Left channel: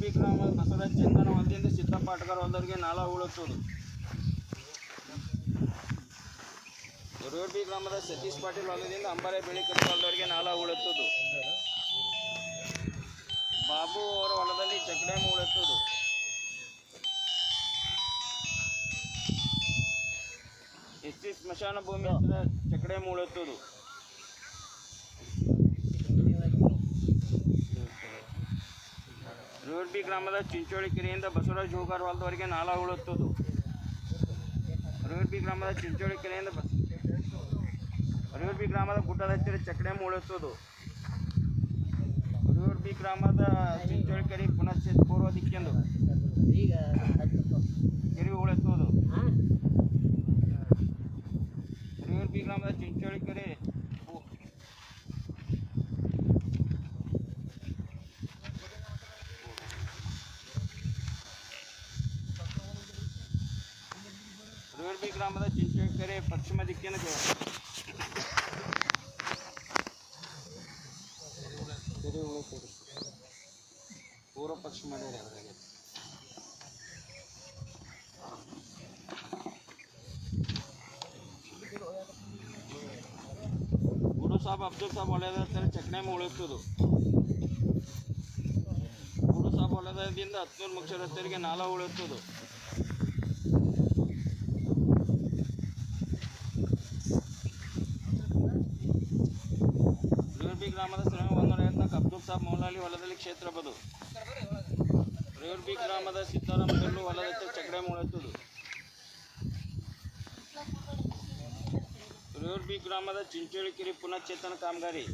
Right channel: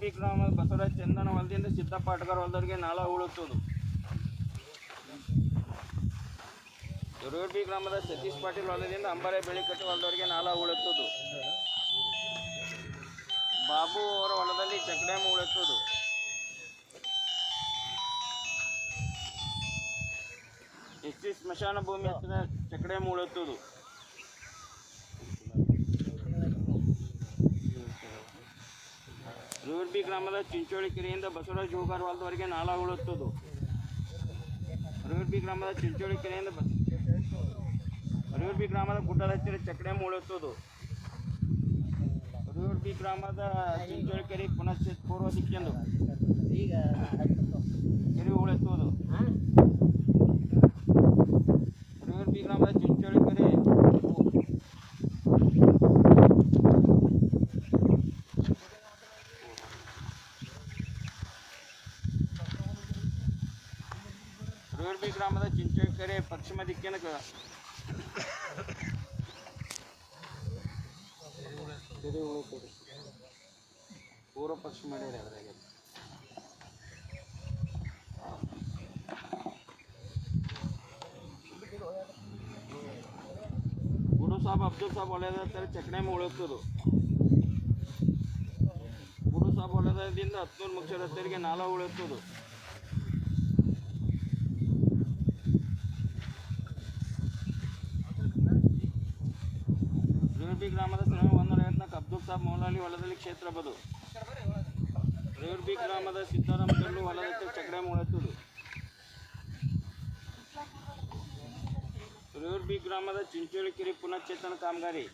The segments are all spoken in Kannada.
ಬಿ ಗ್ರಾಮದ ಬಸವರಾಜ ಚಂದನ ಹೊಲದಿಂದ ಸಿದ್ದಪ್ಪ ಅಟ್ಗಾರ್ ಹೊಲದವರೆಗೆ ನಾಲಾ ಉಳುತ್ತುವುದು. ಬಿ ಗ್ರಾಮದ ಸತೀಶ್ ಪಾಟೀಲ್ ಹೊಲದಿಂದ ಅಂಬಾರೆ ಬೆಳಿಕಟ್ಟು ಹೊಲದವರೆಗೆ ನಾಲಾ ಉಳುತ್ತುವುದು. ಬಾಬು ಅವರ ಹೊಲದಲ್ಲಿ ಚೆಕ್ ಡ್ಯಾಮ್ ಉಳುತ್ತುವುದು. ಎಸ್ಟಿ ಸ್ಮಶಾನ ಭೂಮಿ ಹತ್ತಿರ ಚೆಕ್ ಡ್ಯಾಮ್ ಉಳುತ್ತುವುದು. ಬಿ ಗ್ರಾಮದ ಚಿಂಚೋಳಿ ಕೆರೆಯಿಂದ ಬಸವರಾಜ ಜೋಗಾರ್ ಹೊಲದವರೆಗೆ ನಾಲಾ ಉಳುತ್ತುವುದು. ಬಿ ಗ್ರಾಮದ ಚಿಂಚೋಳಿ ಕೆರೆಯಿಂದ ಬಿ ಗ್ರಾಮದ ಗುಡ್ಡದ ಹತ್ತಿರ ಚೆಕ್ ಡ್ಯಾಮ್ ಉಳುತ್ತುವುದು. ಬಿ ಗ್ರಾಮದ ಚಿಂಚೋಳಿ ಕೆರೆ ಪುನಶ್ಚೇತ ಪೂರ್ವ ದಿಕ್ಕೆಂದು ಕೆರೆ ಉಳುತ್ತುವುದು. ಬಿ ಗ್ರಾಮದ ಚಿಂಚೋಳಿ ಕೆರೆ ಬಿ ಗ್ರಾಮದ ಚಿಂಚೋಳಿ ಕೆರೆ ಪಶ್ಚಿಮ ದಿಕ್ಕಿನ ಕೆರೆ ಉಳುತ್ತದೆ. ಪೂರ್ವ ಪಶ್ಚಿಮ ಮಾಡಿರಿ ಅದರಾಗೆ. ಗುರು ಸಾಬ್ ಅಬ್ದುಲ್ ಸಾಬ್ ಹೊಲದ ಚೆಕ್ ಡ್ಯಾಮ್ ಉಳುತ್ತುವುದು. ಗುರು ಸಾಬ್ ಹೊಲದಿಂದ 10 ಮುಖ್ಯ ರಸ್ತೆಗೆ ನಾಲಾ ಉಳುತ್ತುವುದು. ಬಿ ಗ್ರಾಮದ ಶ್ರಮ 154 ಅಬ್ದುಲ್ ಸಾಬ್ ಮೌಲಾಲಿ ಹೊಲದಲ್ಲಿ ಕ್ಷೇತ್ರ ಬದು. ಬಿ ಗ್ರಾಮದ ಸಿದ್ದಾರಾಮ ಗಲ್ಲು ಹೊಲದ ಚೆಕ್ ಡ್ಯಾಮ್ ಉಳುತ್ತುವುದು. ಬಿ ಗ್ರಾಮದ ಚಿಂಚೋಳಿ ಕೆರೆ ಪುನಶ್ಚೇತನ ಕಾಮಗಾರಿ.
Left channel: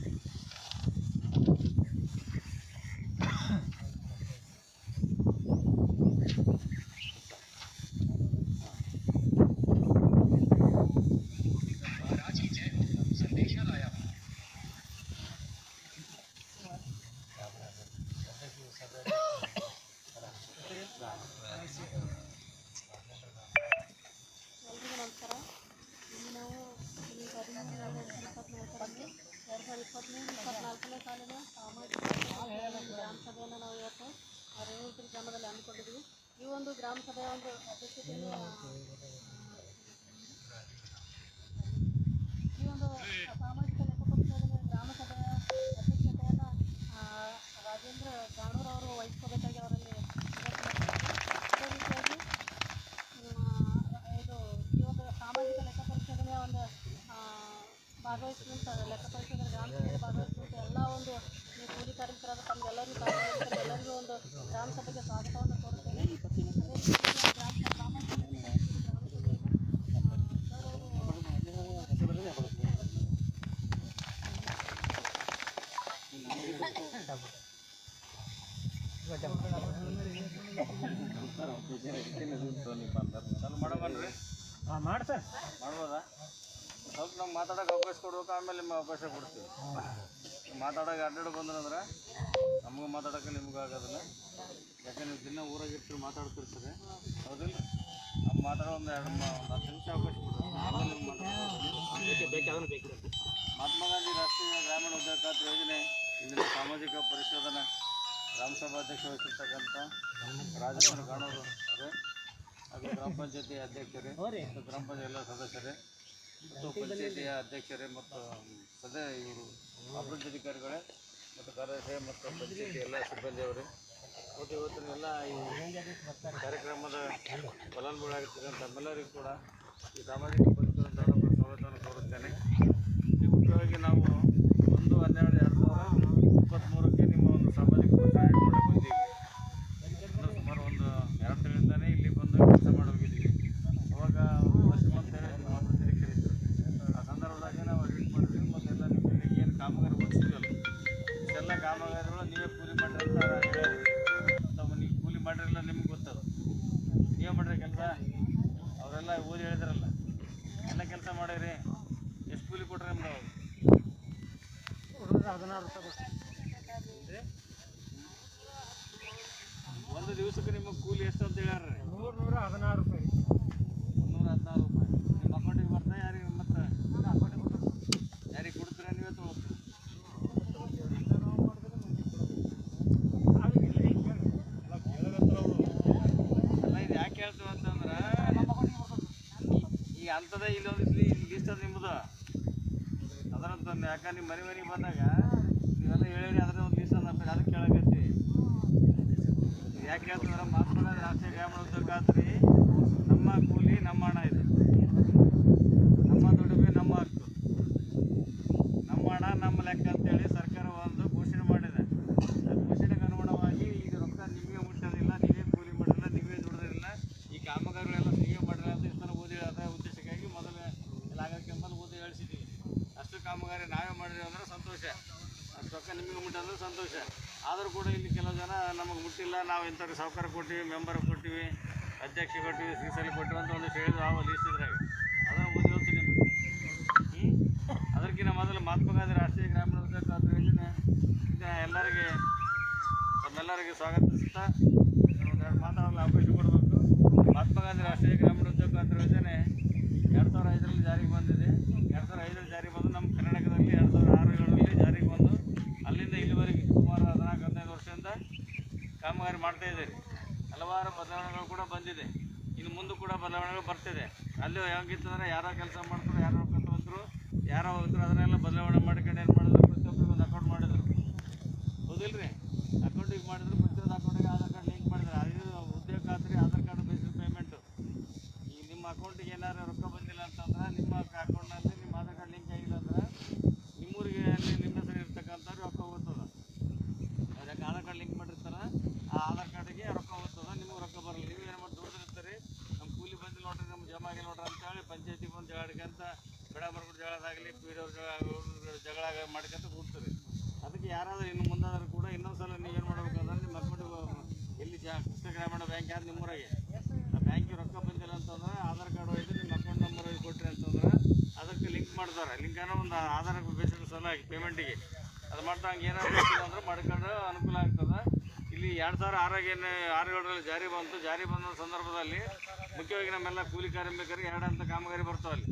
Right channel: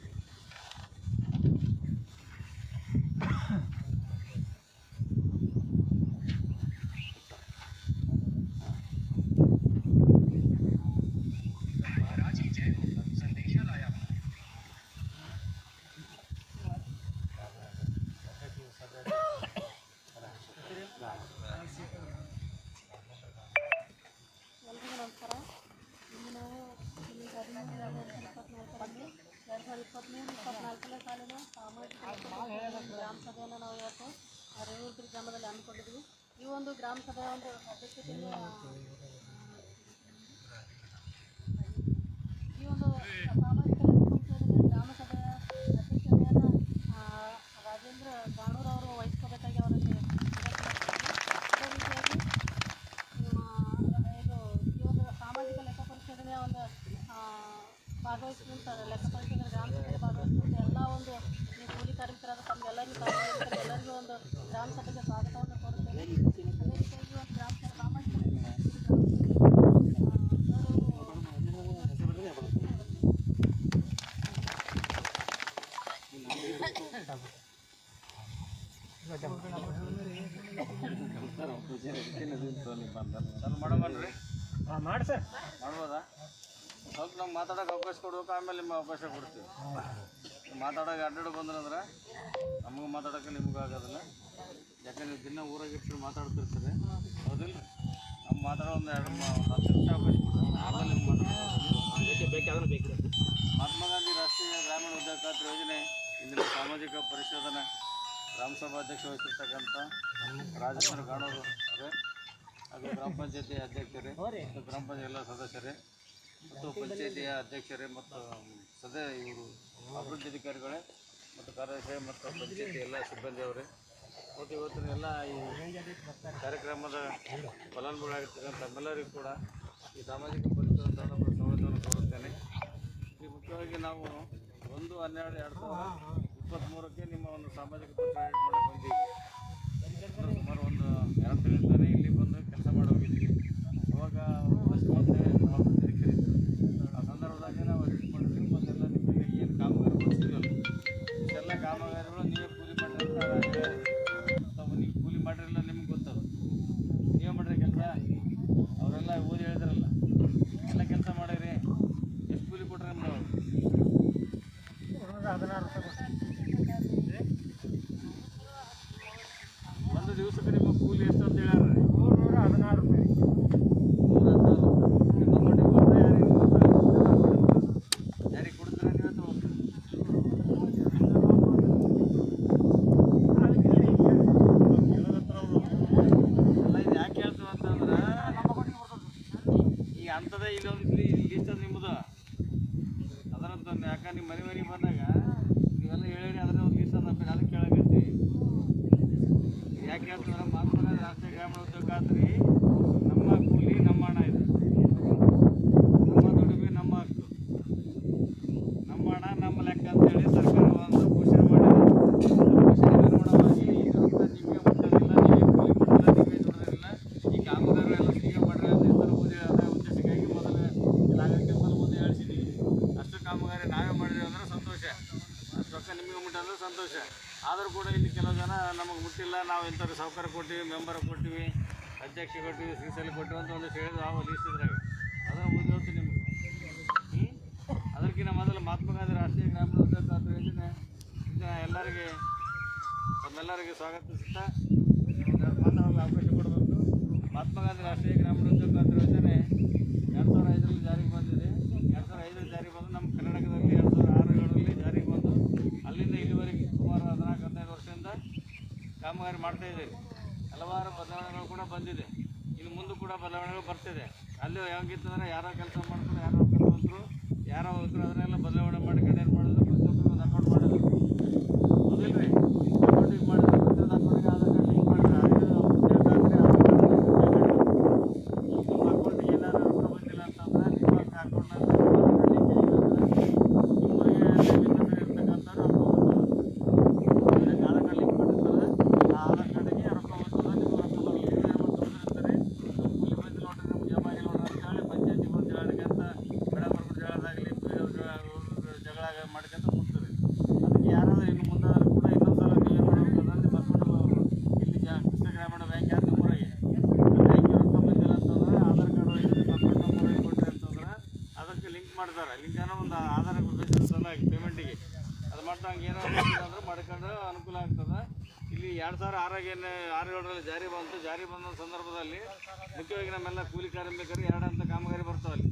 ಎಲ್ರಿಗೂ ನಮಸ್ಕಾರ. ಇಲ್ಲಿ ನಾವು 2023-24ನೇ ಸಾಲಿನ ಸಾಮಾಜಿಕ ಗ್ರಾಮ ಸಭೆಯನ್ನು ನಾವು ಇವತ್ತು ರೇವೂರ್ಪುರಿ ಗ್ರಾಮದಲ್ಲಿ ಹಮ್ಮಿಕೊಂಡಿದ್ವಿ. ಈ ಒಂದು ಗ್ರಾಮ ಸಭೆಯ ಒಂದು ಅಧ್ಯಕ್ಷತೆಯಲ್ಲಿ ಈ ಒಂದು ಸಾಮಾಜಿಕ ಗ್ರಾಮ ಸಭೆಯ ಅಧ್ಯಕ್ಷತೆಯನ್ನು ರಾಜೇಂದ್ರ ಗಾಣೂರ್ ಅವರು ವಹಿಸ್ಕೋಬೇಕಾಗಿ ಅವರಲ್ಲಿ ಅದೇ ರೀತಿಯಾಗಿ ಈ ಒಂದು ಸಾಮಾಜಿಕ ಲೆಕ್ಕ ಪರಿಶೋಧನೆಯ ಒಂದು ಭಾಗವಹಿಸಿದಂಥ ಲೆಕ್ಕ ಪರಿಶೋಧನೆ ಗ್ರಾಮ ಸಭೆಯಲ್ಲಿ ಭಾಗವಹಿಸಿದಂಥ ಎಲ್ಲ ಒಂದು ಈ ಕೂಲಿ ಕಾರ್ಮಿಕರಾದ ತಮಗೆಲ್ಲರಿಗೂ ಎಲ್ಲರಿಗೂ ಒಂದು ಗ್ರಾಮ ಸಭೆಗೆ ಸ್ವಾಗತವನ್ನು ಕೋರುತ್ತೇನೆ. ಅದೇ ರೀತಿಯಾಗಿ ಸಾಮಾಜಿಕ ಮಾಡಿ ಸರ್ ಮಾಡ್ಬೋದಾ? ಸ್ವಲ್ಪ ನಮ್ಗೆ ಮಾತಾಡೋಕೆ ಅವಕಾಶ ಕೊಡ್ಬೇಕು, ಆಮೇಲೆ ನಿಮ್ಗೆ ಅವಕಾಶ ಕೊಡ್ತೀವಿ. ಮಾತಾಡೋಕೆ ಅಡ್ಡಾಡು ಬಂದ್ರಂದ್ರೆ ನಮಗೂ ಮಾತಾಡೋಕೆ ನಿಮಗೂ ಆಗೋದಿಲ್ಲ. ಯಾಕೆ ನೀವು ದಿನ ಊರಾಗಿರ್ತೀರಿ ಮಾತಾಡ್ತೀರಿ ಸರ್, ಹೌದಿಲ್ಲ? ನಮ್ಮ ಮಾತಾಡೋ ಒಂದು 10 ನಿಮಿಷ ಅವಕಾಶ ಕೊಡ್ತೀವಿ, ಆಮೇಲೆ ನಿಮ್ಗೆ ಮಾತಾಡೋದು. ಮಹಾತ್ಮ ಗಾಂಧಿ ರಾಷ್ಟ್ರೀಯ ಗ್ರಾಮೀಣ ಉದ್ಯೋಗ ಖಾತ್ರಿ ಯೋಜನೆ ಇಂದಿನ ಸಾಮಾಜಿಕ ಪರಿಶೋಧನೆ ಗ್ರಾಮ ಸಭಾ ಅಧ್ಯಕ್ಷ ವಹಿಸಿರ್ತಕ್ಕಂಥ ರಾಜೇಂದ್ರ ಗಾಣೂರು ಅವರೇ, ಅದು ಗ್ರಾಮ ಪಂಚಾಯತಿ ಅಧ್ಯಕ್ಷರೇ ಮತ್ತು ಗ್ರಾಮ ಪಂಚಾಯತ್ ಎಲ್ಲ ಸದಸ್ಯರೇ ಮತ್ತು ಪಂಚಾಯತಿಯ ಅಧ್ಯಕ್ಷರೇ ಮತ್ತು ಇವರು ಅಭಿವೃದ್ಧಿ ಅಧಿಕಾರಿಗಳೇ ಮತ್ತು ಕಾರ್ಯದರ್ಶಿ ಮತ್ತು ಪಂಚಾಯತಿ ಎಲ್ಲ ಸಿಬ್ಬಂದಿಯವರೇ ಮತ್ತು ಇವತ್ತಿನ ಎಲ್ಲ ಈ ಕಾರ್ಯಕ್ರಮದ ಫಲಾನುಭವಿಗಳಾಗಿರ್ತಕ್ಕಂಥ ನಮ್ಮೆಲ್ಲರಿಗೂ ಕೂಡ ಈ ಸಾಮಾಜಿಕ ಪರಿಸರದ ಸವಲತ್ತನ್ನು ಕೋರುತ್ತೇನೆ. ಈ ಮುಖ್ಯವಾಗಿ ನಾವು 1/12/2023 ನಿಮ್ಮ ಒಂದು ಸಾಮಾಜಿಕ ಬಂದಿದ್ದೀವಿ. ಸುಮಾರು ಒಂದು 2 ತಿಂಗಳಿಂದಲೇ ಇಲ್ಲಿ ಬಂದು ಕೆಲಸ ಮಾಡಿ ಹೋಗಿದ್ದೀವಿ. ಅವಾಗ ವರ್ಷ ಅಂತೇಳಿ ಅಭಿವೃದ್ಧಿ ಕರೀತೀವಿ. ಆ ಸಂದರ್ಭದಾಗೆ ನಾವು ಅಡ್ಮಿಟ್ ಮಾಡಿದ್ವಿ. ಮತ್ತೆಲ್ಲ ನಿಮ್ಮಲ್ಲಿ ಏನು ಕಾಮಗಾರಿ ಓದಿಸಿದ್ವಲ್ಲ ಇಷ್ಟೆಲ್ಲ ಕಾಮಗಾರಿಗಳು ನೀವೇ ಕೂಲಿ ಮಾಡಿರಿ ಅಂತ ಹೇಳ್ಯಾರ. ಅಥವಾ ನೀವು ಕೂಲಿ ಮಾಡಿರಲ್ಲ, ನಿಮ್ಗೆ ಗೊತ್ತದು. ನೀವೇ ಮಾಡಿರಿ ಕೆಲಸ, ಅವರೆಲ್ಲ ಓದಿ ಹೇಳಿದ್ರಲ್ಲ, ಎಲ್ಲ ಕೆಲಸ ಮಾಡಿರಿ. ಎಷ್ಟು ಕೂಲಿ ಕೊಟ್ರಿ ನಿಮ್ದು? 16 ರೂಪಾಯಿ. ಅಂತಂದು. ಯಾಕಂದ್ರೆ ನಿಮ್ಮ ಮನೆಗೆ ಬಂದಾಗ ನೀವೆಲ್ಲ ಹೇಳಿರಿ ಅದನ್ನ ಒಂದು ಲೀಸ್ಟ್ ನಂಬಿರಿ ಅದಕ್ಕೆ ಕೇಳಕತ್ತಿ. ಯಾಕೆ ಹೇಳ್ತಂದ್ರೆ ಮಹಾತ್ಮ ಗಾಂಧಿ ರಾಷ್ಟ್ರೀಯ ಗ್ರಾಮೀಣ ಉದ್ಯೋಗ ಖಾತ್ರಿ ನಮ್ಮ ಕೂಲಿ ನಮ್ಮ ಹಣ ಇದು, ನಮ್ಮ ದುಡಿಮೆ ನಮ್ಮ ಹಕ್ಕು, ನಮ್ಮ ಹಣ ನಮ್ಮ ಲೆಕ್ಕ ಅಂತೇಳಿ ಸರ್ಕಾರ ಒಂದು ಘೋಷಣೆ ಮಾಡಿದೆ. ಘೋಷಣೆಗೆ ಅನುಗುಣವಾಗಿ ಈಗ ರೊಕ್ಕ ನಿಮಗೆ ಮುಟ್ಟೋದಿಲ್ಲ, ನೀವು ಕೂಲಿ ಮುಟ್ಟಲ್ಲ, ನೀವೇ ದುಡಿದಿಲ್ಲ, ಈ ಕಾಮಗಾರಿ ಎಲ್ಲ ಸಿಹಿ ಮಾಡ್ರಿ ಅಂತ ಇತರ ಉದ್ದೇಶಕ್ಕಾಗಿ ಮೊದಲು ಆಗಕ್ಕೆ ಮುಂದೆ ಹೇಳ್ಸಿದ್ದೀವಿ. ಅಷ್ಟು ಕಾಮಗಾರಿ ನಾವೇ ಮಾಡಿದ್ವಿ ಅಂದ್ರೆ ಸಂತೋಷ, ಅಷ್ಟು ರೊಕ್ಕ ನಿಮಗೆ ಮುಟ್ಟಂದ್ರೆ ಸಂತೋಷ. ಆದರೂ ಕೂಡ ಇಲ್ಲಿ ಕೆಲವು ಜನ ನಮಗೆ ಮುಟ್ಟಿಲ್ಲ, ನಾವು ಇಂಥವ್ರಿಗೆ ಸಾಹುಕಾರ ಕೊಟ್ಟಿವಿ, ಮೆಂಬರ್ ಕೊಟ್ಟಿವಿ, ಅಧ್ಯಕ್ಷ ಕೊಟ್ಟಿವಿ, ಶ್ರೀಶೈಲ ಕೊಟ್ಟಿವಿ ಅಂತ ಒಂದಿಷ್ಟು ಹೇಳಿದ್ರು ಆ ಲೀಸ್ಟಿದ್ರಾಗ. ಅದನ್ನು ಓದಿ ಹೇಳ್ತೀನಿ ನಿಮಗೆ. ಅದಕ್ಕಿಂತ ಮೊದಲು ಮಹಾತ್ಮ ಗಾಂಧಿ ರಾಷ್ಟ್ರೀಯ ಗ್ರಾಮೀಣ ಉದ್ಯೋಗ ಖಾತ್ರಿ ಯೋಜನೆ ಎಲ್ಲರಿಗೆ ತಮ್ಮೆಲ್ಲರಿಗೆ ಸ್ವಾಗತಿಸ್ತಾ ಒಂದೆರಡು ಮಾತಾಡಲು ಅವಕಾಶ ಕೊಡಬೇಕು. ಮಹಾತ್ಮ ಗಾಂಧಿ ರಾಷ್ಟ್ರೀಯ ಗ್ರಾಮೀಣ ಉದ್ಯೋಗ ಖಾತ್ರಿ ಯೋಜನೆ 2005ರಲ್ಲಿ ಜಾರಿಗೆ ಬಂದಿದೆ. 2005ರಲ್ಲಿ ಜಾರಿಗೆ ಬಂದು ನಮ್ಮ ಕರ್ನಾಟಕದಲ್ಲಿ 2006-2007ರಲ್ಲಿ ಜಾರಿಗೆ ಬಂದು ಅಲ್ಲಿಂದ ಇಲ್ಲಿವರೆಗೆ ಸುಮಾರು 14-15 ವರ್ಷದಿಂದ ಕಾಮಗಾರಿ ಮಾಡ್ತಾಯಿದ್ದೀರಿ. ಹಲವಾರು ಬದಲಾವಣೆಗಳು ಕೂಡ ಬಂದಿದೆ, ಇನ್ನು ಮುಂದೆ ಕೂಡ ಬದಲಾವಣೆಗಳು ಬರ್ತಿದೆ. ಅಲ್ಲಿ ಹೆಂಗಿತ್ತಂದ್ರೆ ಯಾರೋ ಕೆಲಸ ಮಾಡ್ತಾರೆ, ಯಾರೋ ಕಲ್ತಂತರು, ಯಾರೋ ಹೋದ್ರು, ಅದನ್ನೆಲ್ಲ ಬದಲಾವಣೆ ಮಾಡ್ಕೊಂಡು ಏನು ಮಾಡಿದ್ರು, ಪ್ರತಿಯೊಬ್ಬರಿಗೆ ಒಂದು ಅಕೌಂಟ್ ಮಾಡಿದ್ರು. ಹೌದಿಲ್ಲ ರೀ? ಅಕೌಂಟಿಗೆ ಮಾಡಿದ್ರು, ಪ್ರತಿಯೊಂದು ಅಕೌಂಟಿಗೆ ಆಧಾರ್ ಕಾರ್ಡ್ ಲಿಂಕ್ ಮಾಡಿದ್ರು. ಅದು ಉದ್ಯೋಗ ಖಾತ್ರಿ ಆಧಾರ್ ಕಾರ್ಡ್ ಈಗ ನಿಮ್ಮ ಅಕೌಂಟಿಗೆ ಏನಾದ್ರು ರೊಕ್ಕ ಬಂದಿಲ್ಲ ಅಂತಂದ್ರೆ ನಿಮ್ಮ ಅಕೌಂಟ್ನ ಲಿಂಕ್ ಆಗಿಲ್ಲ ನಿಮ್ಮೂರಿಗೆ ಇರ್ತಕ್ಕಂಥವ್ರು ರೊಕ್ಕ ಹೋಗ್ತದೆ. ಅದಕ್ಕೆ ಆಧಾರ್ ಕಾರ್ಡ್ ಲಿಂಕ್ ಮಾಡಿರ್ತಾರೆ, ಆ ಆಧಾರ್ ಕಾರ್ಡಿಗೆ ರೊಕ್ಕ ಹೋಗ್ತದೆ, ನಿಮ್ಗೆ ರೊಕ್ಕ ಬರಲ್ಲ. ನೀವು ಏನು ಮಾಡ್ತಾರೆ, ನಮ್ಮ ಕೂಲಿ ಬಂದು ನೋಡ್ರಿ, ನಮ್ಗೆ ಜಮಾ ಆಗಿ ನೋಡ್ರಿ ಅಂತೇಳಿ ಪಂಚಾಯತಿಗೆ ಒಂದು ಜಗಳಕ್ಕಂತ ಬೆಳಬರ್ಗು ಜಗಳದಾಗಲಿ ಜಗಳ ಮಾಡ್ಕೊಂತ ಕೂಡ್ತಾರೆ. ಅದಕ್ಕೆ ಯಾರಾದರೂ ಇನ್ನು ಮುಂದಾದರೂ ಕೂಡ ಇನ್ನೊಂದು ಸಲ ನೀವೇನು ಮಾಡಬೇಕು ಅಂದ್ರೆ ನಿಮ್ಮ ಅಕೌಂಟ್ ಇಲ್ಲಿ ಕೃಷ್ಣ ಗ್ರಾಮೀಣ ಬ್ಯಾಂಕ್ ಯಾರು ನಿಮ್ಮೂರಾಗೆ ಬ್ಯಾಂಕಿಗೆ ರೊಕ್ಕ ಬಂದಿಲ್ಲ ಅಂತಂದ್ರೆ ಆಧಾರ್ ಕಾರ್ಡ್ ಹೋಗಿ ನಿಮ್ಮ ಅಕೌಂಟ್ ನಂಬರ್ ಹೋಗಿ ಕೊಟ್ಟರೆ ಅಂತಂದ್ರೆ ಅದಕ್ಕೆ ಲಿಂಕ್ ಮಾಡ್ತಾರೆ. ಲಿಂಕ್ ಅನ್ನೋ ಒಂದು ಆಧಾರ್ ಬೇಸಿಸ್ ಸಲುವಾಗಿ ಪೇಮೆಂಟಿಗೆ ಅದು ಮಾಡ್ತಾ ಹಂಗೆ ಏನೋ ಅಂದ್ರೆ ಮಾಡ್ಕೊಂಡ್ರೆ ಅನುಕೂಲ ಆಗ್ತದೆ. ಇಲ್ಲಿ 2006-2007ರಲ್ಲಿ ಜಾರಿ ಬಂತು. ಜಾರಿ ಬಂದ ಸಂದರ್ಭದಲ್ಲಿ ಮುಖ್ಯವಾಗಿ ನಮ್ಮೆಲ್ಲ ಕೂಲಿ ಕಾರ್ಮಿಕರಿಗೆ ಎರಡಂತ ಕಾಮಗಾರಿ ಬರ್ತಾವಲ್ಲಿ,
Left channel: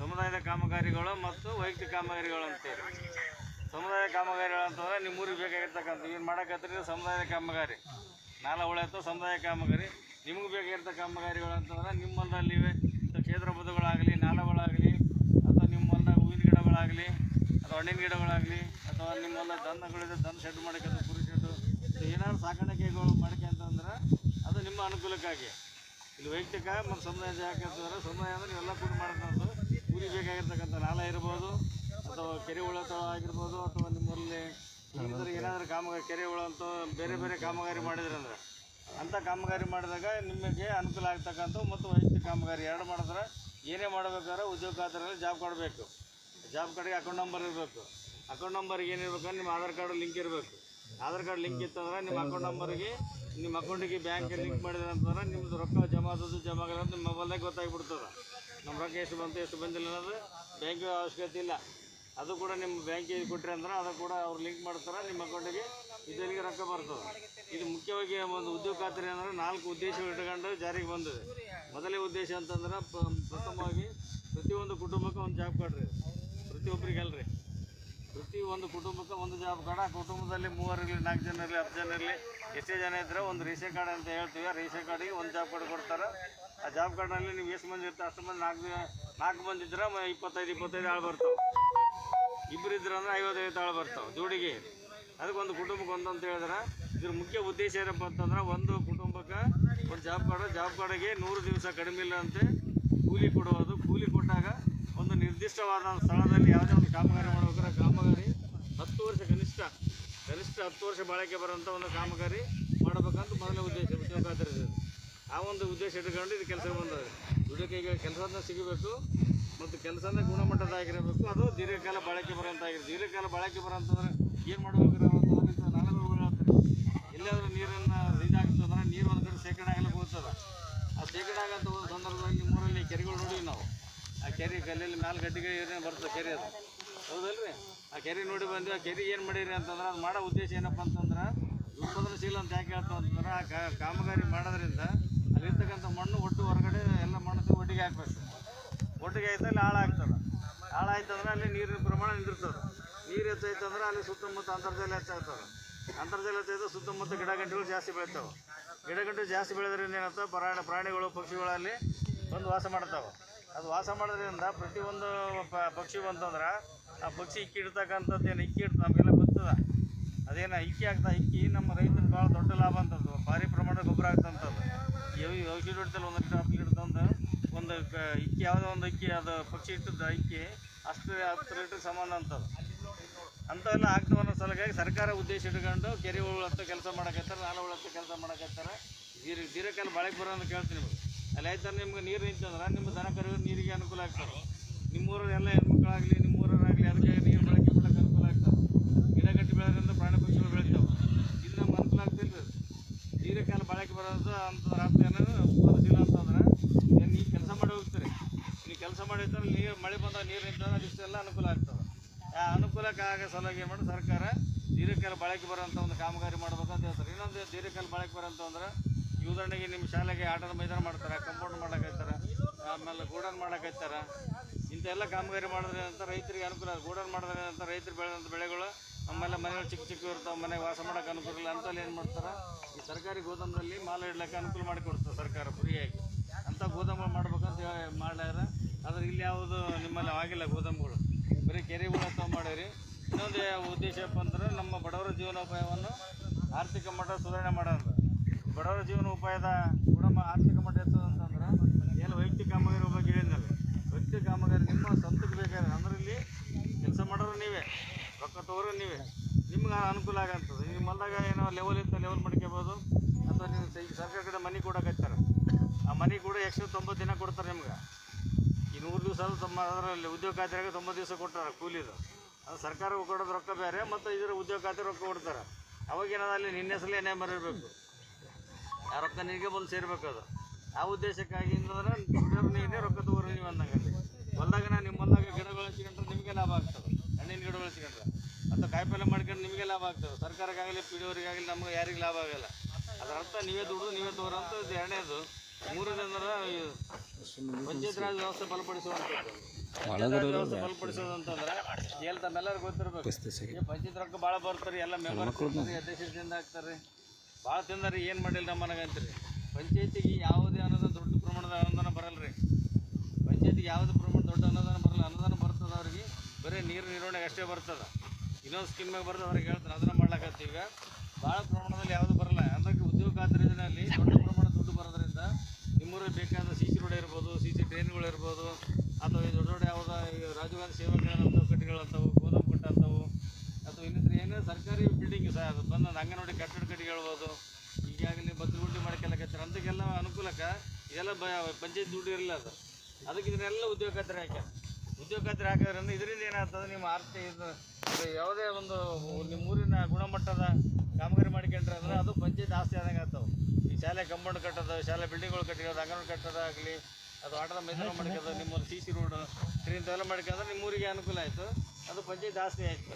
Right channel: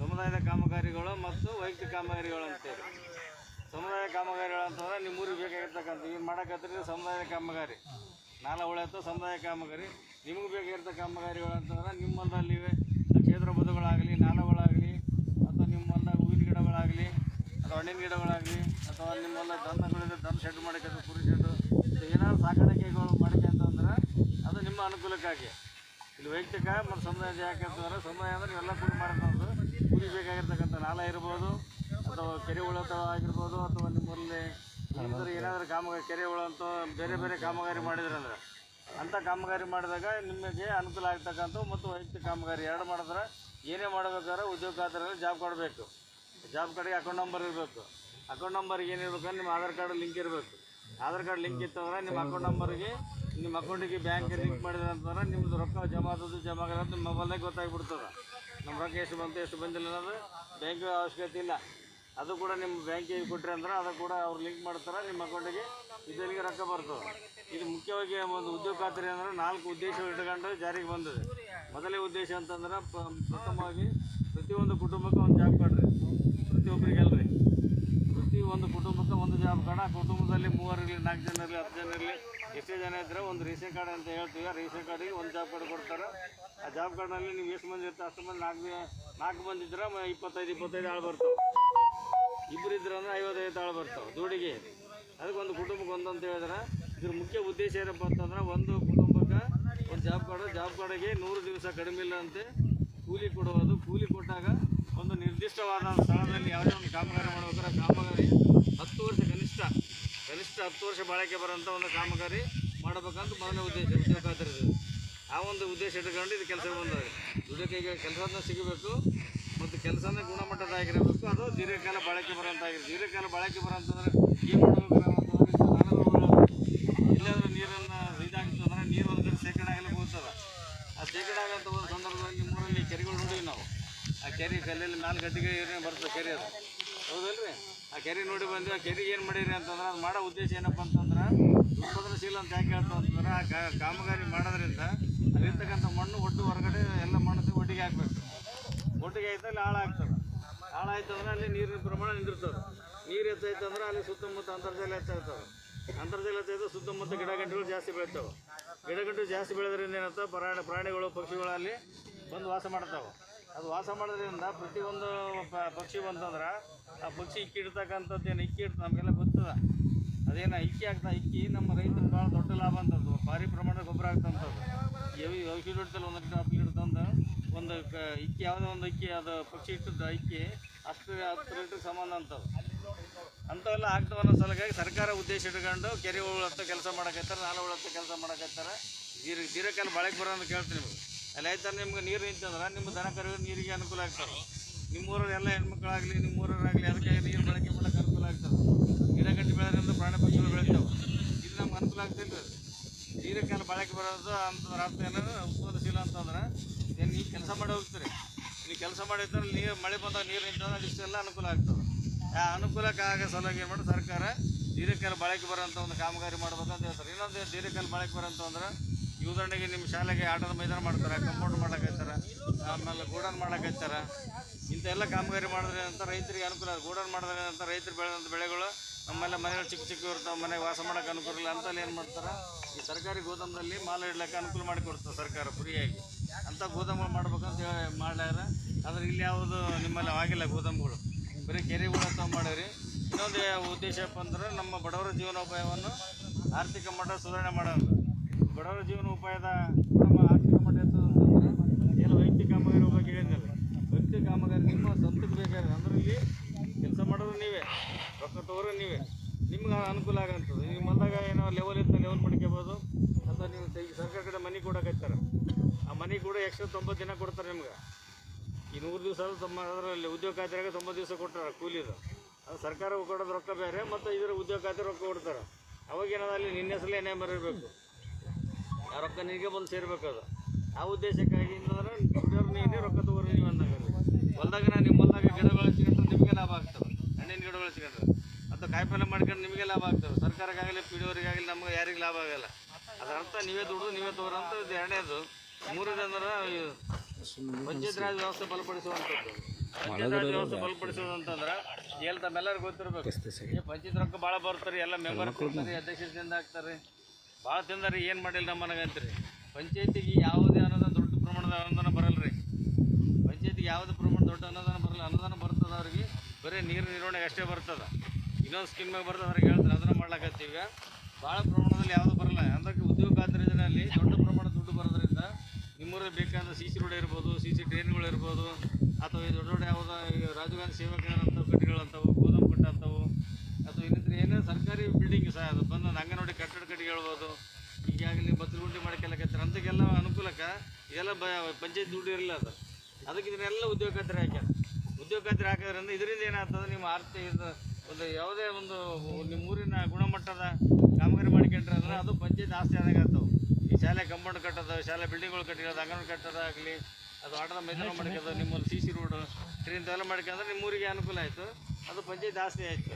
ಸಮುದಾಯದ ಕಾಮಗಾರಿಗಳು ಮತ್ತು ವೈಯಕ್ತಿಕ ಕಾಮಗಾರಿಗಳು ಅಂತೇಳಿ. ಸಮುದಾಯ ಕಾಮಗಾರಿಗಳು ಅಂತಂದ್ರೆ ನಿಮ್ಮೂರಿಗೆ ಬೇಕಾಗಿರ್ತಕ್ಕಂಥ ಏನು ಮಾಡೋಕ್ಕತ್ತೀರಿ ಸಮುದಾಯದ ಕಾಮಗಾರಿ, ನಾಲ ಉಳಿಯತ್ತು ಸಮುದಾಯ ಕಾಮಗಾರಿ. ನಿಮಗೆ ಬೇಕಾಗಿರ್ತಕ್ಕ ಕಾಮಗಾರಿಗಳು ಅಂತಂದ್ರೆ ನಿಮ್ಮ ಹೊಲದಲ್ಲಿ ಕ್ಷೇತ್ರ ಬದುಗಳಾಗಲಿ, ನಾಲಗಳಾಗಲಿ, ಅಥವಾ ನಿಮ್ಮ ಹೊಲದಾಗ ಹೂವಿನ ಗಿಡಗಳಾಗಲಿ, ಅಥವಾ ಹಣ್ಣಿನ ಗಿಡಗಳಾಗಲಿ, ಅಥವಾ ನಿಮ್ಮ ಹೊಲ ದನಗಳಿದೆ, ದನ ಶೆಡ್ ಮಾಡಿಕೊಂಡು ಕುರಿ ಶೆಡ್ಡು ಏನಾದ್ರು ಸಾಕಾಣಿಕೆಗಳು ಮಾಡ್ಕೊಂತಂದ್ರೆ ಅದು ನಿಮ್ಮ ಅನುಕೂಲಕ್ಕಾಗಿ. ಇಲ್ಲಿ ವೈಯಕ್ತಿಕ ಮತ್ತು ಸಮುದಾಯ ಯಾಕೆ ಅಂತಂದ್ರೆ ಸಮುದಾಯ ಅಂದರೆ ನೀವೆಲ್ಲ ಕೂಡಿ ಮಾಡೋದು. ಕೂಲಿ ಬೇಕಾಗಿರ್ತಕ್ಕಂಥ ನಾಲ ಇರ್ಬೋದು, ಅಥವಾ ಕೆರೆ ಉಳತ ಆಗಿರ್ಬೋದು, ಅಥವಾ ನಿಮ್ಮಲ್ಲಿ ಏನಾದರೂ ಕಾಮಗಾರಿ ಕೆರೆ ಉಳಂತ ಬೇರೆ ಬೇರೆ ಕಾಮಗಾರಿ ಮಾಡಿದ್ರೆ ಅಂದ್ರೆ ಅಂಥ ಕಾಮಗಾರಿ ಮಾಡಿದಾಗ ನಿಮಗೆ ಅನುಕೂಲ ಆಗ್ತಕ್ಕಂಥ ಮತ್ತು ವೈಯಕ್ತಿಕ ಕಾಮಗಾರಿ ಎರಡು ಮಾಡಿದ್ರೆ ಏನೇ ಮಾಡಬೇಕಾದ್ರೆ ಉದ್ಯೋಗ ಖಾತ್ರಿಯಲ್ಲಿ ಜಾಬ್ ಕಾರ್ಡ್ ಬೇಕು. ಜಾಬ್ ಕಾರ್ಡಿಗೆ ಅಕೌಂಟ್ ನಂಬರ್ ಇರಬೇಕು. ಅಕೌಂಟ್ ನಂಬರ್ಗೆ ಏನಿರ್ಬೇಕಂದ್ರೆ ನಿಮ್ಮ ಆಧಾರ್ ಕಾರ್ಡ್ ಲಿಂಕ್ ಇರಬೇಕು. ಆಧಾರ್ ಕಾರ್ಡ್ ಲಿಂಕ್ ಇತ್ತಂದ್ರೆ ನಿಮ್ಮ ಅಕೌಂಟ್ ನಂಬರ್ಗೆ ನಿಮ್ಮ ಅಕೌಂಟಿಗೆ ಬ್ಯಾಂಕಿಗೆ ಲಿಂಕ್ ಮಾಡಿದ್ರೆ ಅಂತಂದ್ರೆ ನಿಮ್ಮದು ರೊಕ್ಕ ಜಮಾ ಆದದ್ದು ಜಮಾ ಆಗಲ್ಲ ನಿಮ್ಮ ಮೊಬೈಲ್ದಾಗ ಗೊತ್ತಾಗ್ಬಿಡ್ತದೆ. ನಮ್ಮ ರೊಕ್ಕ ಎಷ್ಟು ಬಂತು ಎಷ್ಟು ಬಂದಿಲ್ಲ ಅನ್ನೋದು ಬ್ಯಾಂಕಿಗೆ ಅವಶ್ಯಕತೆ ಇಲ್ಲ. ಅದು ಕೂಡ ನಿಮ್ಮ ಬ್ಯಾಂಕಿಗೆ ಕೊಟ್ಟರೆ ಅಂದ್ರೆ ಅದು ಕೂಡ ಅವ್ರು ಲಿಂಕ್ ಮಾಡ್ತಾರೆ, ನಿಮ್ಮ ಅಕೌಂಟಿಗೆ ಇದರಿಗೆ ರೊಕ್ಕ ಬರ್ತದೆ. ಇದು ಮುಖ್ಯವಾಗಿ ಒಂದು ಉದ್ಯೋಗ ಖಾತ್ರಿ ಅಂದರೆ 4 ಉದ್ದೇಶಗಳು ಇಟ್ಕೊಂಡು ಜಾರಿಗೆ ಬಂದಿದೆ. ಮೊದಲೇ ಉದ್ದೇಶ ಅಂತಂದ್ರೆ ಪ್ರಥಮವಾಗಿ ಪ್ರತಿಯೊಂದು ಕುಟುಂಬಕ್ಕೆ ಒಂದು ಜಾಬ್ ಕಾರ್ಡ್ ರೀ, ಪ್ರತಿಯೊಬ್ಬರಿಗಲ್ರಿ, ಪ್ರತಿಯೊಂದು ಕುಟುಂಬಕ್ಕೆ ಒಂದು ಜಾಬ್ ಕಾರ್ಡ್. ಆ ಕುಟುಂಬದಲ್ಲಿ 3 ಇರಲಿ, 4 ಜನ ಇರಲಿ, 10 ಜನ ಇರಲಿ, ಎಷ್ಟೇ ಜನ ಇದ್ದರೆ ಒಂದು ರೇಷನ್ ಕಾರ್ಡ್ ಅಂತ ಹೇಳ್ತೀವಿ. ಆ ರೇಷನ್ ಕಾರ್ಡಿಗೆ ಒಂದು ಜಾಬ್ ಕಾರ್ಡ್ ಕೊಡ್ತಾರೆ. ಆ ಜಾಬ್ ಕಾರ್ಡ್ನಲ್ಲಿ ನೀವು ಎಷ್ಟು ಮಂದಿ ಇರ್ತಾರೆ ಅಷ್ಟು ಮಂದಿ 4 ಮಂದಿ ಇದ್ರೆ 25 ಆಳು ಬರ್ತಾವೆ. ಇಬ್ಬರು ಇದ್ರೆ ಅಂದ್ರೆ 55 ಆಳು ಬರ್ತಾವೆ ಜೋಡಿಗೆ. ಅದಕ್ಕೆ ಒಂದು ಕುಟುಂಬಕ್ಕೆ ಒಂದು ಅಂತ ಹೇಳಿದ್ರೆ ಇದ್ರ ಮುಖ್ಯ ಉದ್ದೇಶ ಏನಪ್ಪ ಅಂತಂದ್ರೆ ಒಂದು ಕುಟುಂಬಕ್ಕೆ ಒಂದು ಜಾಬ್ ಕಾರ್ಡಿಗೆ 100 ದಿವಸ ಕಡಿಮೆ ಇಲ್ಲ ಅಂತೆ ಕೂಲಿ ಕೊಡುವುದು. ಕೂಲಿ ಕೊಟ್ಟಾಗ ಒಂದು ನಿರ್ದಿಷ್ಟವಾದ ಸ್ಥಳದಲ್ಲಿ ಯಾವುದೇ ಒಂದು ಕಾಮಗಾರಿ ಮಾಡ್ಬೇಕಾದ್ರೆ ಕಾಮಗಾರಿ 10 ವರ್ಷ ಕನಿಷ್ಠ 10 ವರ್ಷ ಬಾಳಿಕೆ ಬರೋಂಥ ಒಂದು ಕಾಮಗಾರಿ ಮಾಡಬೇಕಂತ ಮೊದಲನೇ ಉದ್ದೇಶ ಉದ್ಯೋಗ ಖಾತ್ರಿ. ಆ ಒಂದು ಉದ್ದೇಶ ಇಟ್ಕೊಂಡು ಇದು ಕೆಲಸಕ್ಕೆ ಬಂದದೆ. ದುಡಿಯೋಕೆ ಈಗ ಕೆಲಸನ ಸಿಗಬೇಕು ಮತ್ತು ಕೆಲಸನ ಗುಣಮಟ್ಟದಾಗಿರಬೇಕು, ಅದು ದೀರ್ಘಕಾಲ ಬಾಳಿಕೆ ಬರೋಂತಾಗಿರುತ್ತೆ. ದೀರ್ಘಕಾಲ ಬಾಳಿಕೆ ಬರೋಂತಂದ್ರೆ ಏನು ಮಾಡ್ಬೇಕಾರೆ ಇಲ್ಲಾಂದ್ರೆ ನೀರನ್ನು ಇದಾಗ್ತದೆ ಅಂದ್ರೆ ನೀರು ಒಂದು ಕಡೆ ಶೇಖರಣೆ ಆಗಲಿಕ್ಕೆ ಹೋಗ್ತದೆ. ಆ ಶೇಖರಣೆ ಆಗೋಂಥ ಒಂದು ಸಂದರ್ಭದಲ್ಲಿ ನಿಮ್ಮೂರಲ್ಲಿ ಕೆರೆಗಳು ನೋಡಿವಿ ನಾವು. ಆ ಕೆರೆ ಕಲ್ಲಲ್ಲಿ ಮ್ಯಾಲೆ ಗಡ್ಡಿಗೆ ಏನೇ ಬರ್ತದೆ ಕೆರೆ, ಅದು ಹೌದಲ್ರಿ? ಆ ಕೆರೆ ನೋಡಿ ಬಂದು ಆ ಕೆರೆಗೆ ಏನು ಮಾಡೀರಿ ಅಂತಂದ್ರೆ ಅದು ಮಾಡೋ ಉದ್ದೇಶ ಏನಪ್ಪ ಅಂತಂದ್ರೆ ಉತ್ಪಾದನಶೀಲ ಅಂತ ಯಾಕೆ ಹೇಳ್ತಾವ ಅಂತಂದ್ರೆ ಆ ಕಾಮಗಾರಿ ಮಾಡೋದ್ರಿಂದ ಅಲ್ಲಿರ್ತಕ್ಕಂಥ ಮಣ್ಣು ಒಟ್ಟು ಹೊರಗಡೆ ಎಲ್ಲ ಮಣ್ಣು ಒಟ್ಟಿಗೆ ಹಾಕ್ಬೇಕು. ಒಟ್ಟಿಗೆ ಆಯ್ತು ಅಲ್ಲಿ ಹಾಳಾಗ್ತದೆ. ಹಾಳಾಯ್ತಂದ್ರೆ ಅಲ್ಲಿ ನೀರಿನ ಪ್ರಮಾಣ ನಿಂದಿರ್ತದೆ. ನೀರು ಹೆಚ್ಚಾಯ್ತಂದ್ರೆ ಅಲ್ಲಿ ಸುತ್ತಮುತ್ತ ಅಂತರ್ಜಲ ಹೆಚ್ಚಾಗ್ತದೆ. ಅಂತರ್ಜಲ ಹೆಚ್ಚಾಯ್ತು ಸುತ್ತಮುತ್ತ ಗಿಡಗಂಟೆಗಳು ಜಾಸ್ತಿ ಬೆಳಿತಾವೆ. ಗಿಡಗಂಟೆ ಜಾಸ್ತಿ ಬೆಳೆದ್ರಿಂದ ಏನಂತ ಪ್ರಾಣಿಗಳು ಪಕ್ಷಿಗಳಲ್ಲಿ ಬಂದು ವಾಸ ಮಾಡ್ತಾವೆ. ಅದು ವಾಸ ಮಾಡೋದ್ರಿಂದ ಪ್ರತಿಯೊಂದು ಪಕ್ಷಿ ಬಂತಂದ್ರೆ ಆ ಪಕ್ಷಿ ಇಕ್ಕಿ ಇಡ್ತಕ್ಕಂಥದ್ದು ಏನು ಇಕ್ಕಿ ಇಡ್ತು ನಮಗೆಲ್ಲ ಗೊತ್ತದ. ಅದೇನು ಇಕ್ಕಿ ಇಕ್ಕಿ ನಮ್ಮ ರೈತರು ಭಾಳ ದೊಡ್ಡ ಲಾಭ ಅಂತದ್ದು, ಭಾರಿ ಪ್ರಮಾಣದ ಗೊಬ್ಬರ ಆಗ್ತಂಥದ್ದು. ಔಷಧಿ ಹೊಡಿತಲ್ಲ 1 ಲೀಟರ್ 10 ಲೀಟರ್ ತಂದು ಒಂದು ಇಕ್ಕಿ ಯಾವುದೋ ಒಂದು ಇಕ್ಕಿ ಅದು ಪಕ್ಷಿ ಇಟ್ಟದ್ದು ಇಕ್ಕಿ ಅಷ್ಟು 10 ಲೀಟ್ರಿಗೆ ಸಮಾನ ಅಂತದ್ದು. ಅಂಥವೆಲ್ಲ ಆಗ್ತವೆ ಅನ್ನೋ ಸಲುವಾಗಿ ಸರ್ಕಾರ ಉದ್ದೇಶ ಇಟ್ಕೊಂಡು ಕೆರೆ ಉಳತ್ತ ಕೆಲಸ ಮಾಡಕತ್ತಾರೆ, ನಾಲೆ ಉಳತ್ತ ಕೆಲಸ ಮಾಡಕತ್ತಾರೆ. ದೀರ್ಘಕಾಲ ಬಾಳೆಗೆ ಬರೋ ಅಂತ ಕೇಳ್ತೀನಿ ನಿಮಗೆ. ಅಲ್ಲಿ ಆಯ್ತಾರೆ ನಿಮ್ಗೆ ನೀರು ನಿಂತಂದ್ರೆ ನಿಮ್ಮ ದನ ಕರು ನೀರಿಗೆ ಅನುಕೂಲ ಆಗ್ತದೆ. ನಿಮ್ಮೂರಲ್ಲಿ ಎಲ್ಲ ಹೆಣ್ಮಕ್ಳಾಗಲಿ ನಿಮ್ಮೂರಾಗಲಿ ಅದಕ್ಕೆ ನೀರು ಬಳಕೆ ಮಾಡೋಕ್ಕೆ ಅನುಕೂಲ ಆಗ್ತದೆ. ಗಿಡ ಗಟ್ಟಿ ಬೆಳೆದ್ರಿಂದ ಪ್ರಾಣಿ ಪಕ್ಷಿಗಳು ಬೆಳಿತಾವೆ. ಇದು ನಮ್ಗೆ ಅನುಕೂಲ ಆಗ್ತಿಲ್ಲ ರೀ. ದೀರ್ಘಕಾಲ ಬಾಳೆಗೆ ಬರೋದು ಅಂತಂದ್ರೆ ಅರ್ಥ ಏನಾದ್ರು ಉತ್ಪಾದಶೀಲ ಅಂತಂದ್ರೆ ಏನು ನೀವು ಕೆಲಸ ಮಾಡಿ ಹೋಗ್ತೀರಿ. ನೀವು ಕೆಲಸ ಮಾಡಿದ್ರೆ ನೀರು ಮಳೆ ಬಂದಾಗ ನೀರು ನಿಂತಂದ್ರೆ ಇಷ್ಟೆಲ್ಲ ಅನುಕೂಲ ಆಗ್ತದೆ. ಆ ಅನುಕೂಲಕ್ಕೆ ಆಗೋ ಸಲುವಾಗಿ ಏನು ಮಾಡಿ ಸರ್ಕಾರ ದೀರ್ಘಕಾಲ ಬಾಳೆಗೆ ಬರೋಂಥ ಒಂದು ಕಾಮಗಾರಿ ಮಾಡ್ಬೇಕಂತ ಹೇಳ್ತಾರೆ. ಇನ್ನೊಂದು ದೀರ್ಘಕಾಲ ಬಾಳೆಗೆ ಬರೋಂಥ ಅಂದ್ರೆ ಈ ಉದಾಹರಣೆಗೆ ನಿಮ್ಮ ಶಾಲೆಗೆ ಆಟದ ಮೈದಾನ ಮಾಡ್ತಾರೆ, ಕಂಪೌಂಡ್ ಮಾಡೋಕೈತಾರೆ, ಆಮೇಲೆ ಗೋಡನ್ ಮಾಡೋಕೈತಾರೆ. ಇಂಥೆಲ್ಲ ಕಾಮಗಾರಿ ಮಾಡಿದ್ರೆ ಅಂತ ರೈತರಿಗೆ ಅನುಕೂಲ. ಗೋಡನ್ ಮಾಡಿದ್ರೆ ಅಂತ ರೈತರು ಬೆಳೆದಂಥ ಬೆಳೆಗಳು ನಮ್ಮೆಲ್ಲ ಮನೆಗಳು ಚಿಕ್ಕ ಚಿಕ್ಕ ಇರ್ತಾವೆ, ಮನೆಗೆ ವಾಸ ಮಾಡೋಕೆ ಅನುಕೂಲ ಇಲ್ಲ. ಅಂತಲ್ಲಿ ಏನು ಮಾಡ್ತಾರೆ, ಈ ಸರ್ಕಾರಿ ಗೋದಾಮದಲ್ಲಿ ಮಾಲ್ ಇಡ್ಲಿಕ್ಕೆ ಅನುಕೂಲ ಮಾಡಿ ಕೊಡ್ತಾರೆ ಸರ್ಕಾರ ಫ್ರೀಯಾಗಿ. ಅಂಥ ಗೋದಾಮುಗಳು ಮಾಡ್ಬೇಕಂತ ಹೇಳಿ ಮಾಡ್ಯಾರ. ಆದರೆ ಇಲ್ಲಿ ಯಾವುದು ನಿಮ್ಮಲ್ಲಿ ಆಗಿಲ್ಲ ಗೋದಾಮುಗಳು, ಬರೀ ಕೆರೆಗಳು ಅಥವಾ ಮಾಡಿರಿ. ಇನ್ನೊಂದು ಉದ್ದೇಶ ಏನಪ್ಪ ಅಂದ್ರೆ ನಮ್ಮ ಬಡವರ ಜೀವನೋಪಾಯವನ್ನು ಆರ್ಥಿಕ ಮಟ್ಟ ಸುಧಾರಣೆ ಮಾಡೋದು. ಬಡವರ ಜೀವನೋಪಾಯದ ನಮ್ಮ ಆರ್ಥಿಕ ಮಟ್ಟ ಹೆಚ್ಚೋದಂತಂದ್ರೆ ಏನು ವೈಯಕ್ತಿಕ ಕಾಮಗಾರಿ ಬಗ್ಗೆ ಹೇಳಿದ್ನಲ್ಲ, ವೈಯಕ್ತಿಕ ಕಾಮಗಾರಿ ನಿಮ್ಮ ಸ್ವಂತಕ್ಕೆ ಬೇಕಾದ್ರೆ ಅಂದ್ರೆ ಇಲ್ಲಿ ಕೆಲಸ ಮಾಡೋರು ನೀವೇ, ರೊಕ್ಕ ತಗೋರು ನೀವೇ, ನಿಮ್ಗೆ ಅನುಕೂಲ ಆಗಂತದೆ. ನಿಮ್ಮ ಹೊಲ್ದಾಗ ಏನೋ ಲೆವೆಲ್ ಇತ್ತು ಲೆವೆಲ್ ಮಾಡ್ಕೋಬೋದು. ಅಥವಾ ನೀವು ಸರ್ಕಾರ ಕಡೆ ಮನೆ ಕೊಡೋಕೈತಾರೆ, ಆ ಮನೆ ಕೂಡ ಎಕ್ಸ್ಟ್ರಾ 90 ದಿನ ಕೊಡ್ತಾರೆ ನಿಮ್ಗೆ. ಈ 100 ದಿವಸ ಅದರಲ್ಲಿ ಉದ್ಯೋಗ ಖಾತ್ರಿಯಾಗ 90 ದಿವಸ ಕೊಟ್ಟಾರೆ ಕೂಲಿದು. ಅದು ಸರ್ಕಾರ ಕೊಡೋದು ರೊಕ್ಕ ಬೇರೆ, ಮತ್ತು ಇದರ ಉದ್ಯೋಗ ಖಾತ್ರಿ ರೊಕ್ಕ ಕೊಡ್ತಾರೆ. ಅವಾಗೇನಾದ್ರು ಅಲ್ಲಿ ನಿನ್ನ ಹೆಸರಲ್ಲಿ ಏನೇ ಮರಿಬೇಕು, ಆ ರೊಕ್ಕ ನಿನಗೆ ಬಂದು ಸೇರ್ಬೇಕು. ಅದು ಆ ಉದ್ದೇಶಕ್ಕಾಗಿ ಅಂತಂದ್ರೆ ದುಡಿಯೋರು ನೀನೇ, ರೊಕ್ಕ ತಗೋರು ನೀವು ಅಂದಾಗಲ್ಲಿ. ಹೊಲ್ದಾಗ ನಿಮ್ಮ ಹೊಲ್ದಾಗ ಗಿಡ ಬೆಳೆಸ್ಕೊಂಡ್ರೆ ನಿಮಗೆ ಲಾಭ ಆಗ್ತದೆ. ಹಣ್ಣಿನ ಗಿಡ ಬೆಳೆಸ್ಕೊಂಡ್ರೆ ಅಥವಾ ಕಾಯಿಪಲ್ಯ ಮಾಡ್ಕೊಂಡು ನಿಮಗೆ ಲಾಭ ಆಗ್ತದೆ. ಸರ್ಕಾರಕ್ಕಾಗಲಿ ಪಿಡಿಯವರಿಗಾಗಲಿ ನಮ್ಗೆ ಯಾರಿಗೆ ಲಾಭ ಆಗಲ್ಲ. ಅದರ ಅರ್ಥ ನೀವೇ ದುಡಿದು ನೀವೇ ತಗೋರು ಅಂತ. ಇದು ಎರಡನೇದು. ಮೂರನೇದಂದ್ರೆ ಪಂಚಾಯತ್ ರಾಜ್ ವ್ಯವಸ್ಥೆ ಬಲಪಡಿಸುವಂಥದ್ದು. ಪಂಚಾಯತ್ ರಾಜ್ ವ್ಯವಸ್ಥೆ ಬಲಪಡಿಸೋದು ಅಂತಂದ್ರೆ ಎಲ್ಲಿ ತಮ್ಮೆಲ್ಲರಿಗೂ ಗೊತ್ತಿರ್ಬೇಕು. ಈ ಪಂಚಾಯತ್ ರೊಕ್ಕ ಭಾಳ ಬರ್ತಾರೆ, ಎಲ್ಲ ಮೆಂಬರ್ ಕೊಡ್ತಾರೆ, ಅಧ್ಯಕ್ಷರಿಂದ ಹಾಕ್ತಾರೆ. ಭಾಳ ತಿಂದಾರಿ, ಏನು ಮಾಡಿಲ್ಲ ನಮ್ಮನಗಂತೀರಿ. ಪಂಚಾಯತಿಗೆ ಯಾವುದೇ ಅನುದಾನ ದೊಡ್ಡ ಪ್ರಮಾಣದ ಅನುದಾನ ಬರಲ್ಲ ರೀ. ಪಂಚಾಯತಿಗೆ ಯಾವುದೇ ಪ್ರಮಾಣ ದೊಡ್ಡ ಅನುದಾನ ಬರಲ್ಲ. ಅನುದಾನ ಬರ್ತದೆ ಅವ್ರಿಗೆ ಬರೀ ನೀರು ನಿರ್ವಹಣೆಗೆ ಅಷ್ಟೇ ಬರ್ತದೆ. ಇನ್ನೊಂದು ಸ್ಕೀಮ್ಯಾಗ ಬರ್ತದೆ ಅವ್ರಿಗೆ ಹೇಳ್ತಾರೆ, ಅದನ್ನು ಮಾಡ್ಲಾಕತ್ತೀವಿ. ಈಗ ಭಾಳ ಪ್ರಮಾಣದಲ್ಲಿ ಯಾವುದೂ ಬರಲ್ಲ. ಅದಕ್ಕೆ ಉದ್ಯೋಗ ಖಾತ್ರಿ ಯೋಜನೆಯಲ್ಲಿ ದೊಡ್ಡ ಪ್ರಮಾಣದ ದುಡ್ಡು ಬರೋದ್ರಿಂದ ನಿಮ್ಮೂರಲ್ಲಿ ಬೇಕಾದ CC ರೋಡ್ ಇರ್ಬೋದು, CC ಟ್ರೈನ್ಗಳು ಇರ್ಬೋದು, ಅಥವಾ ಈ ದೊಡ್ಡ ದೊಡ್ಡ ಯಾವುದೋ ಈ ರಾಜೀವ್ ಗಾಂಧಿ ಸೇವಾ ಕೇಂದ್ರ ಅಂಥವು ಕಟ್ಟಿಗಳಂಥವು, ಗೋದಾಮು ಕಟ್ಟ ಅಂಥವು, ಅಥವಾ ಇನ್ನಿತರ ಏನೇ ಸರ್ಕಾರಿ ಬಿಲ್ಡಿಂಗ್ ಸಹ ಅದು ಬಂದು ಅಂಗನವಾಡಿ ಕಟ್ಟಡ ಕಟ್ಟಿ ಹೇಳ್ಬೋದು. ಈಗಾಗಲೇ ಬತ್ತಲಗುಂಡಿ ಮಾಡ್ಕೊಳ್ಳಕತ್ತಾರೆ. ಅಂಥಕ್ಕೆಲ್ಲ ಅನುಕೂಲಕ್ಕೆ ಇದೆಲ್ಲ ಪಂಚಾಯತ್ ದುಡ್ಡು ಇರಲಿಲ್ಲ. ಅದಕ್ಕೆ ಇದನ್ನೆಲ್ಲ ಉದ್ಯೋಗ ಖಾತ್ರಿ ಹಾಕ್ಯಾರ. ಉದ್ಯೋಗ ಖಾತ್ರಿ ಹಾಕೋದ್ರಿಂದ ಇದರಿಂದ ಏನಾಗ್ತದೆ, ನಿಮ್ಮ ಆರ್ಥಿಕ ಇದು ಯಾವುದೇ ಒಂದು ನಿಮ್ಮ ಊರಿನ ಗುಣಮಟ್ಟದ ಕಾಮಗಾರಿ ಮಾಡ್ಕೊಂಡ್ರೆ ಅಂದ್ರೆ ಅದು ಪಂಚಾಯತ್ ಆಸ್ತಿ ಆದಾಗ ಆಗ್ತಾವೆ. ಈ ಶಾಲೆ ಕಂಪೌಂಡ್ ಕಟ್ಟೋದು, ಶಾಲೆ ಬಿಲ್ಡಿಂಗ್ಗಳು ಕಟ್ಟಿರೋದು, ಅಂಗನವಾಡಿ ಕಟ್ಟೋದಾಗಲಿ, ಅದು ಆಟದ ಮೈದಾನ ಮಾಡ್ಕೋದು, ನಿಮ್ಮಲ್ಲಿ CC ರೋಡು ಟ್ರೈನ್ ಎಲ್ಲ ಮಾಡ್ಕೊಂಡ್ರೆ ನಿಮ್ಮೂರಿಗೆ ಅನುಕೂಲ ಆಯಿತು. ಅದು ಪಂಚಾಯತ್ ಆಸ್ತಿ ಆಯಿತು.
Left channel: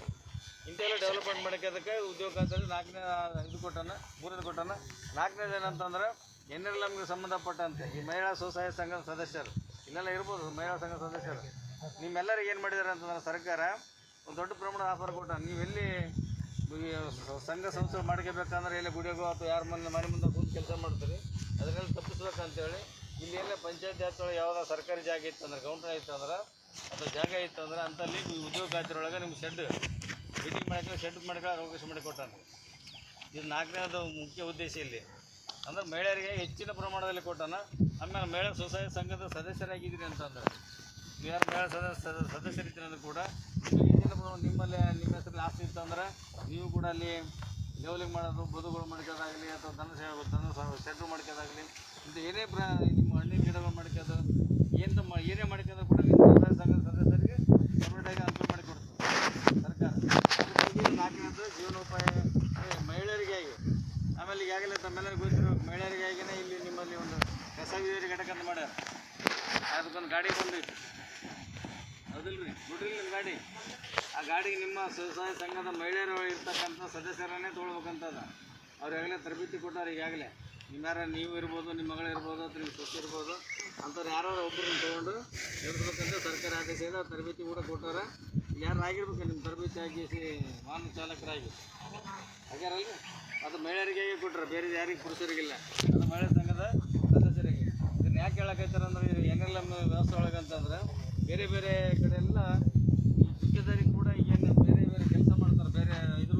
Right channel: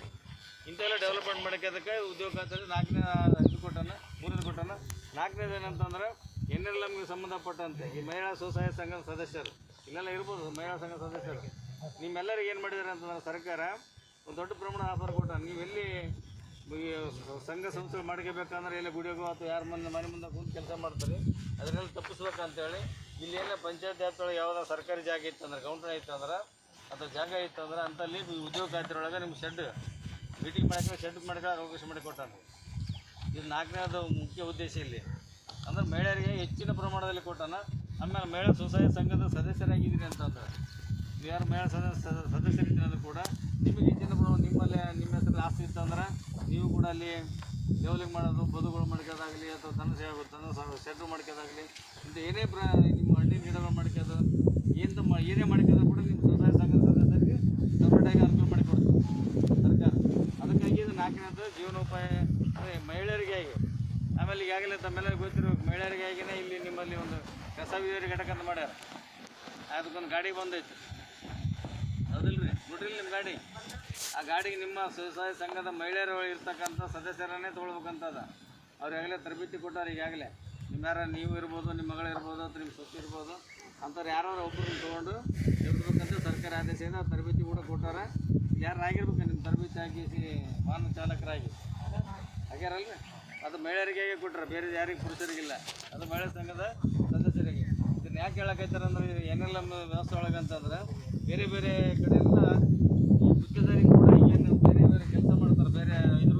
ಇಂಥೆಲ್ಲ ಡೆವಲಪ್ಮೆಂಟ್ ಮಾಡೋದಕ್ಕೆ ಉದ್ಯೋಗ ಖಾತ್ರಿ 4ನೇ ಇದು ಕೊಟ್ಟಾನ, 3ನೇ ಕೊಟ್ಟಾನ. 4ನೇದು ಏನಂತಂದ್ರೆ ಏನೆಲ್ಲ ನಮಗೆ ಸಂಬಂಧಪಟ್ಟಂತೆ ಈ ಮಹಿಳಾ ಸ್ವಸಹಾಯ ಸಂಘದ ಸದಸ್ಯರು ಇಲ್ಲೆಲ್ಲ ಇರ್ಬೋದು. ಮಹಿಳಾ ಸಂಘ ಸದಸ್ಯರು ನಿಮ್ಮೆಲ್ಲರಿಗೆ ಏನು ಮಾಡಿದ್ದಾರೆ ಅಂತಂದ್ರೆ ಸರ್ಕಾರ ಒಂದು ದೊಡ್ಡ ಪ್ರಮಾಣ ಆಫರ್ ಕೊಟ್ಟ. ನೀವು ಎಲ್ಲಿ ಸಂಘ ಸಂಸ್ಥೆ ಮಾಡ್ಕೋಬೇಕಂದ್ರೆ ಎಲ್ಲಿ ಗುಡಿಯಾಗೋ ಅಥವಾ ಯಾರ ಮನೆ ಮುಂದೆ ಕೂತು ಕೆಲಸ ಮಾಡ್ತಾರೆ, ಅದನ್ನೆಲ್ಲ ತಪ್ಪಿಸ್ಬೇಕಂತೇಳಿ ಇಲ್ಲಿ ಏನೇ ಪಂಚಾಯತ್ ವ್ಯಾಪ್ತಿಯೊಳಗೆ ಯಾವುದೋ ಸರ್ಕಾರಿ ಜಾಗ ಇತ್ತು ಅಂದ್ರೆ, ಕೌಂಟರ್ ಇತ್ತು ಅಂದ್ರೆ, ಅಥವಾ ಜಾಗ ಇತ್ತು ಅಂದ್ರೆ ಅಂತಲ್ಲಿ ಉದ್ಯೋಗ ಖಾತ್ರಿ ಒಳಗೆ ನಿಮ್ಗೆ ಶೆಡ್ ಮೀಟಿಂಗ್ ಮಾಡ್ಕೊಂಡು ಶೆಡ್ ಮಾಡ್ಕೊಳ್ಳೋಕೆ ಅವಕಾಶ ಮಾಡಿಕೊಟ್ಟಾನೆ. ಇದು 4ನೇದು ಮುಖ್ಯ ಉದ್ದೇಶ ಇಲ್ಲಿ. ಅಂದ್ರೆ ಮಹಿಳೆಯರಿಗೆ ಹೆಚ್ಚಿನ ಪ್ರಮಾಣದಲ್ಲಿ ಕೊಟ್ಟಾನ. ಆಮೇಲೆ ಮಹಿಳಾ ಸ್ವಸಹಾಯ ಸಂಘದ ಸದಸ್ಯರಾಗಿದ್ದೀರಿ ಅಂತಂದ್ರೆ, ನೀವು ಯಾರು ಮಹಿಳಾ ಸದಸ್ಯರಿದ್ದೀರಿ ಅಂದ್ರೆ ಕೂಡ ನಿಮಗೆ ಹೆಚ್ಚಿನ ಪ್ರಮಾಣ ನಿಮ್ಮಲ್ಲಿ ನಿಮ್ಮ ಹೆಸರಲ್ಲಿ ಆಸ್ತಿ ಇತ್ತು ಅಂದ್ರೆ ನೀವು ಕೂಡ ಅಲ್ಲಿ ಲೆವೆಲಿಂಗ್ ಮಾಡೋದು, ಬದುಗಳು ಮಾಡ್ಕೋದಾಗಲಿ, ಅಥವಾ ದನ ಶೆಡ್ರು ಮಾಡ್ಕೋದಾಗಲಿ, ಇಂಥ ಏನೇ ನಿಮ್ಮ ಹಣ್ಣಿನ ಗಿಡಗಳು ಮಾಡ್ಕೋದು ಏನೇ ಮಾಡ್ಕೋದು ಕೂಡ ನಿಮ್ಮ ಸ್ವಸಹಾಯ ಸಂಘದ ಸದಸ್ಯರಿಗೆ ಸಪರೇಟಾಗಿ ಅನುಕೂಲ ಮಾಡಿಕೊಡ್ತಾರೆ ಸರ್ಕಾರ. ಅದಕ್ಕೆ 4ನೇದು ಜೀವನೋಪಾಯ ಮಹಿಳೆಯರಿಗಾಗಿ. ಆಮೇಲೆ ಈಗಾಗಲೇ ತಮ್ಮೆಲ್ಲರಿಗೂ ಗೊತ್ತಿರಬೇಕು, ಮಹಿಳೆಯರಿಗಾಗಿಯೇ ಇಲ್ಲಿ ನಿಮ್ಮಲ್ಲಿ ಒಂದು ಕಸ ವಿಲೇವಾರಿ ಘಟಕ ಅಂತ ಮಾಡ್ಯಾರ. ಅದಕ್ಕೊಂದು ಗಾಡಿ ಬಂದೈತಿ, ಹೌದಿಲ್ಲ ರೀ? ನೋಡ್ರಿ ನಿಮ್ಮ ಗಾಡಿ. ಆ ಗಾಡಿಗೆ ನಿಮ್ಮ ಸ್ವಸಹಾಯ ಸಂಘದ ಮಹಿಳೆಯರು ಇರ್ತಕ್ಕಂಥ ಸದಸ್ಯರನ್ನೇ ತೊಗೊಳ್ಬೇಕಂತದ. ಅವ್ರಿಗಾಗಲೇ ತರಬೇತಿ ಕೊಟ್ಟಾರೆ. ಈಗಾಗಲೇ ನೀವು ಇರ್ಬೋದು, ನಿಮ್ಮ ಮಗಳಿರ್ಬೋದು, ಅಥವಾ ನಿಮ್ಮ ಸೊಸೆ ಇರ್ಬೋದು, ಅಂಥವ್ರು ಯಾರು ಒಬ್ಬರನ್ನ ತೊಗೊಂಡು ಇರ್ಬೇಕಂತ ಸರ್ಕಾರ ಆದೇಶದಿಂದ ತರಬೇತಿ ಕೂಡ ಕೊಟ್ಟಾರ. ಯಾರು ಆಗಿರ್ಬೇಕು ನಿಮ್ಮ ತರಬೇತಿ ಆಗಿ ವಾಹನ ಚಾಲಕರಾಗಿ ಆಗ್ಯಾರಲ್ರಿ, ಅದು ಮಹಿಳೆಯರಿಗೆ ಕೊಟ್ಟರೆ, ಬೇರೆ ಯಾರಿಗೆ ಪುರುಷರಿಗಿಲ್ಲ. ಅದು ಮಹಿಳಾ ಸಂಘದ ಸದಸ್ಯರಿಗೆ. ಇದನ್ನು ಯಾಕೆ ಹೇಳಕೈತಾರೆ ಅಂದ್ರೆ, ಏನೆಲ್ಲ ವ್ಯವಸ್ಥೆ ಒಳಗೆ ಅಂತಂದ್ರೆ ಬೇರೆ ಬೇರೆ ಕಡೆಯಿಂದ ಗುತ್ತಿಗೆದಾರಿ ಕೂಡ ಏನು ಬೇರೆ ಬೇರೆ ಕೆಲಸ ಮಾಡ್ತಾರೆ, ಬೇರೆ ಇದ್ರ